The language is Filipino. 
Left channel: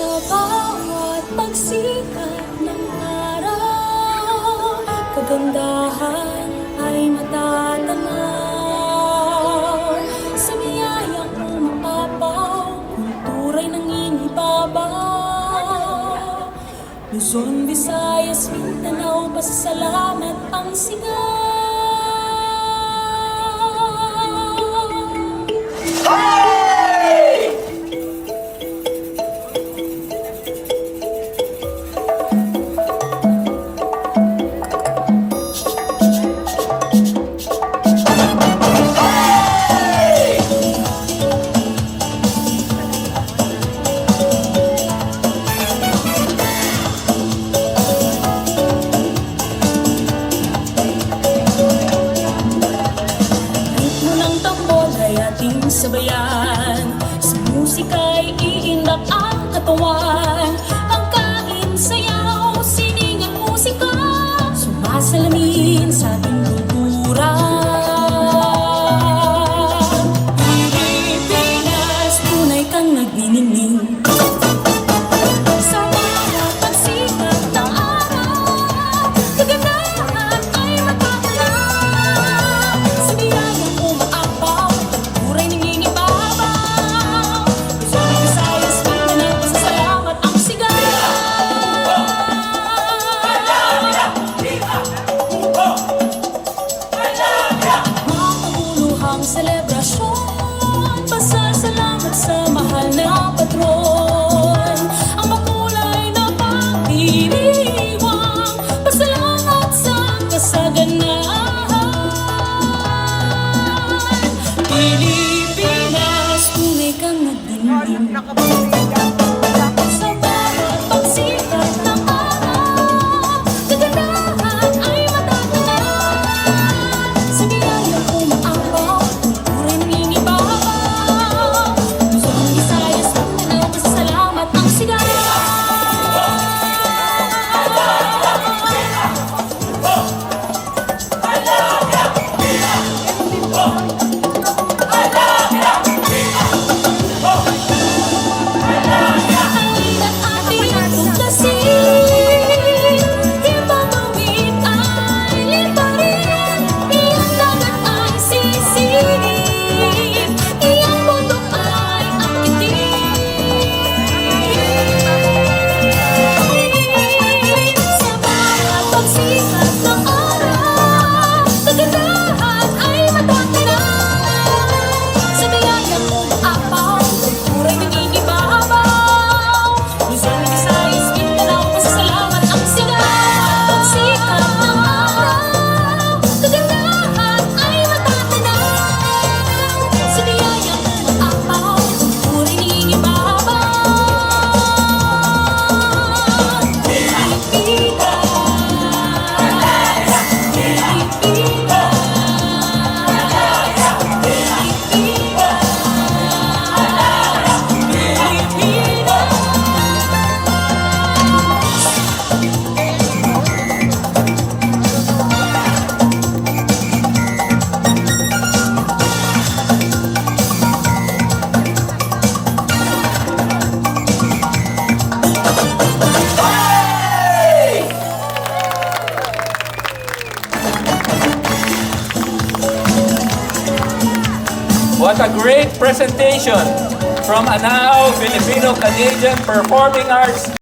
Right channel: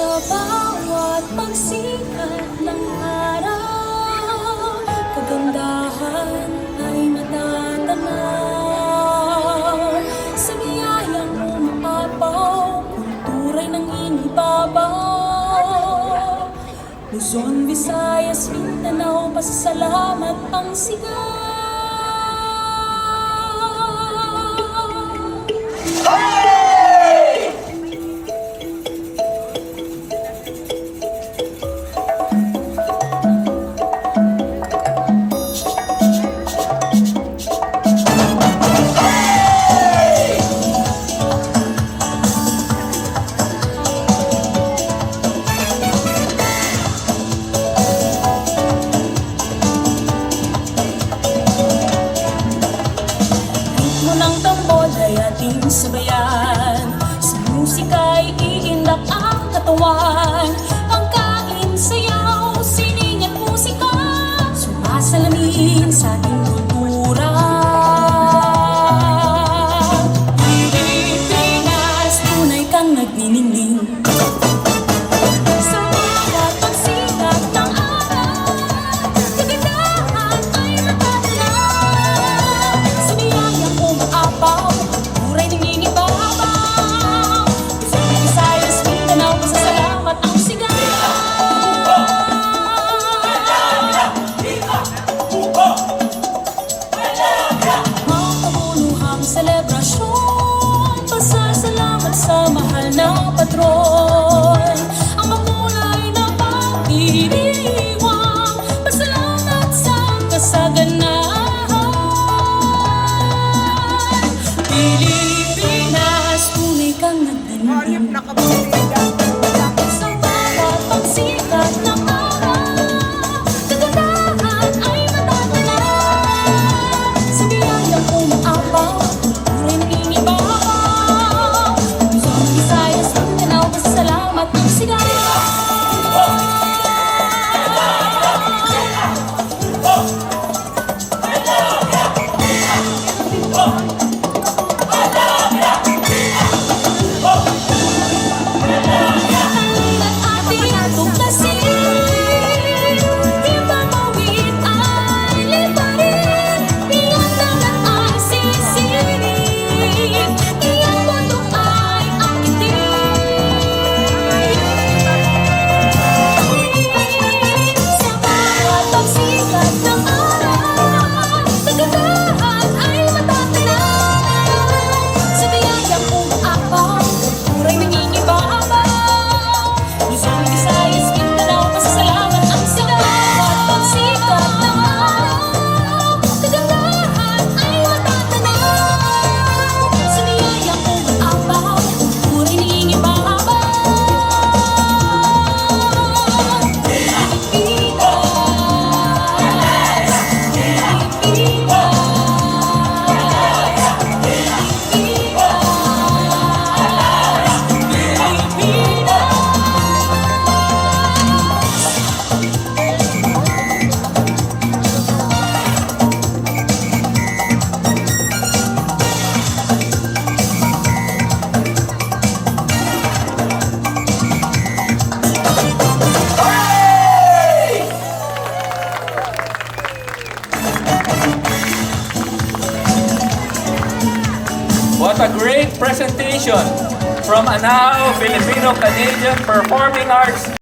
Sa bawat pagsikat ng araw, kagandahan ay matatanaw. Sa niyayang umapaw, kultura'y nangingibabaw. Luzon, Visayas, Mindanao, pasasalamat ang sigaw. Sabayan, sa musika'y iindak ang katawan. Pagkain, sayaw, sining at musika, sumasalamin sa ating kultura. Pilipinas, tunay kang nagniningning. Sa bawat pagsikat ng araw, kagandahan ay matatanaw. Sa niyayang umaapaw, selebrasyon, pasasalamat sa mahal na patron. Ang makulay na pagdiriwang, pasalamat sa kasaganahan. Pilipinas, tunay kang nagdindin. Sa bawat pagsikat ng araw, kagandahan ay matatanaw. Sa niyayang umaapaw, What a great presentation from Anao Filipino-Canadian Performing Arts